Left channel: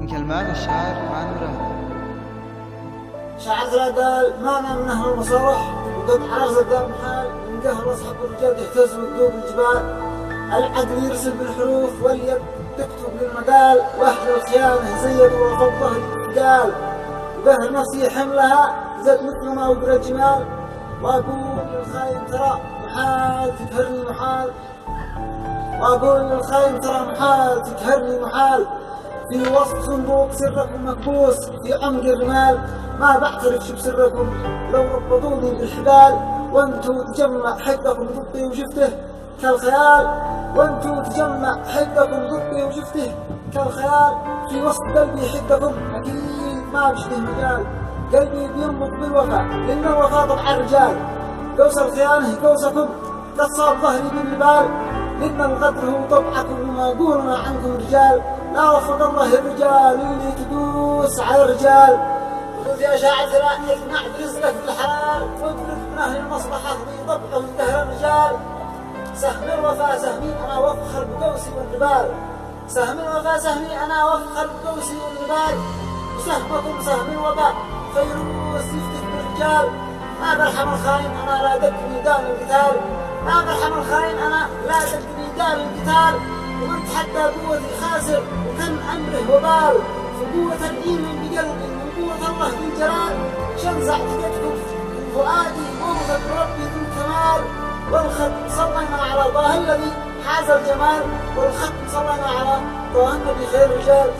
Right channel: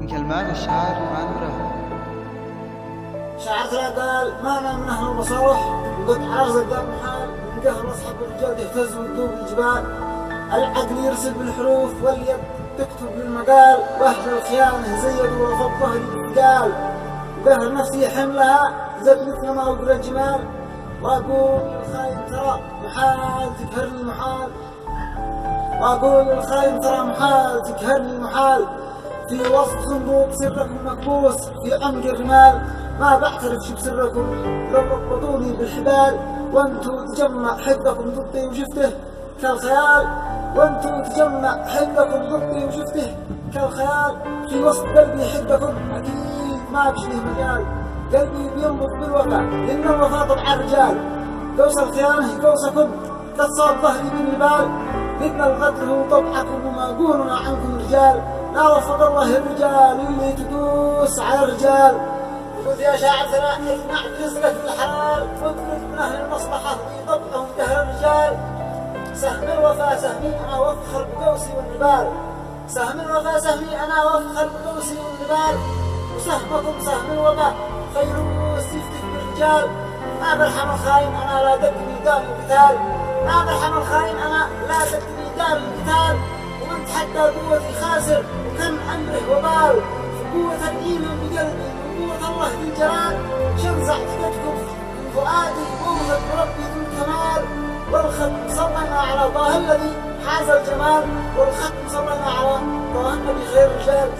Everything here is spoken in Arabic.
من كلمات الشاعر عن مراد. شاعر قال: ما أنا من أهل المصالح وقد عرز الدم حال، من قهر أصحاب الرجال يهتز وذوب الجبال. العقل يرسل بالحروف واليد تكتب للمقال، وأهل الخيانة زيدوا وفوق ظهري بالثقال. وقهر نفسي حملها زاد مثل ما وقر الجمال، وأقول للخاين ترى محال تقهرني محال، وأقول للخاين ترى محال تقهرني محال. في وسط صندوق سركم مكبوس في عمق الرمال، ما بعترف شو بسركم لو ربطوني بالحبال. وانتو تجمع حقكم ضدي وشفته كالخيال، وانتو تجمع حقكم ضدي وشفته كالخيال. في وسط قلبي حقكم أكيد ما بشله مجال، قلبي بينبض بالوفا لأن الوفا طبع الرجال. قوس الخيانة قوسكم قد صاب ظهري بالنبال، لأن الغدر هو طبعكم وما قولنا عنكم رجال. لا وفق الله الرجال اللي تدوس على الرجال. قلت يا شاعر ترى اقنع برزقك بالحلال، واطلب من اهل المصلحه ويطبعهم دهر الرجال. سهم الوفا سهمي انا وافخر بقوسي والنبال، سهم الوفا سهمي انا وافخر بقوسي والنبال. وسهمكم سهم الوباء فيروس يفتك بالرجال. ما برحم الخاين انا لا دق ميدان القتال، ما برحم الخاين انا لا دق ميدان القتال. ومن تحدى قوتي خاسر وكم امره وبال، فقوة الايمان بقلبي وقوة الله ذي الجلال. شنزع تقدكم من فؤادي ومضت بربي ذو الكمال. والختم صلينا على طه الذي حاز الجمال، والختم صلينا على طه النبي خير الرجال.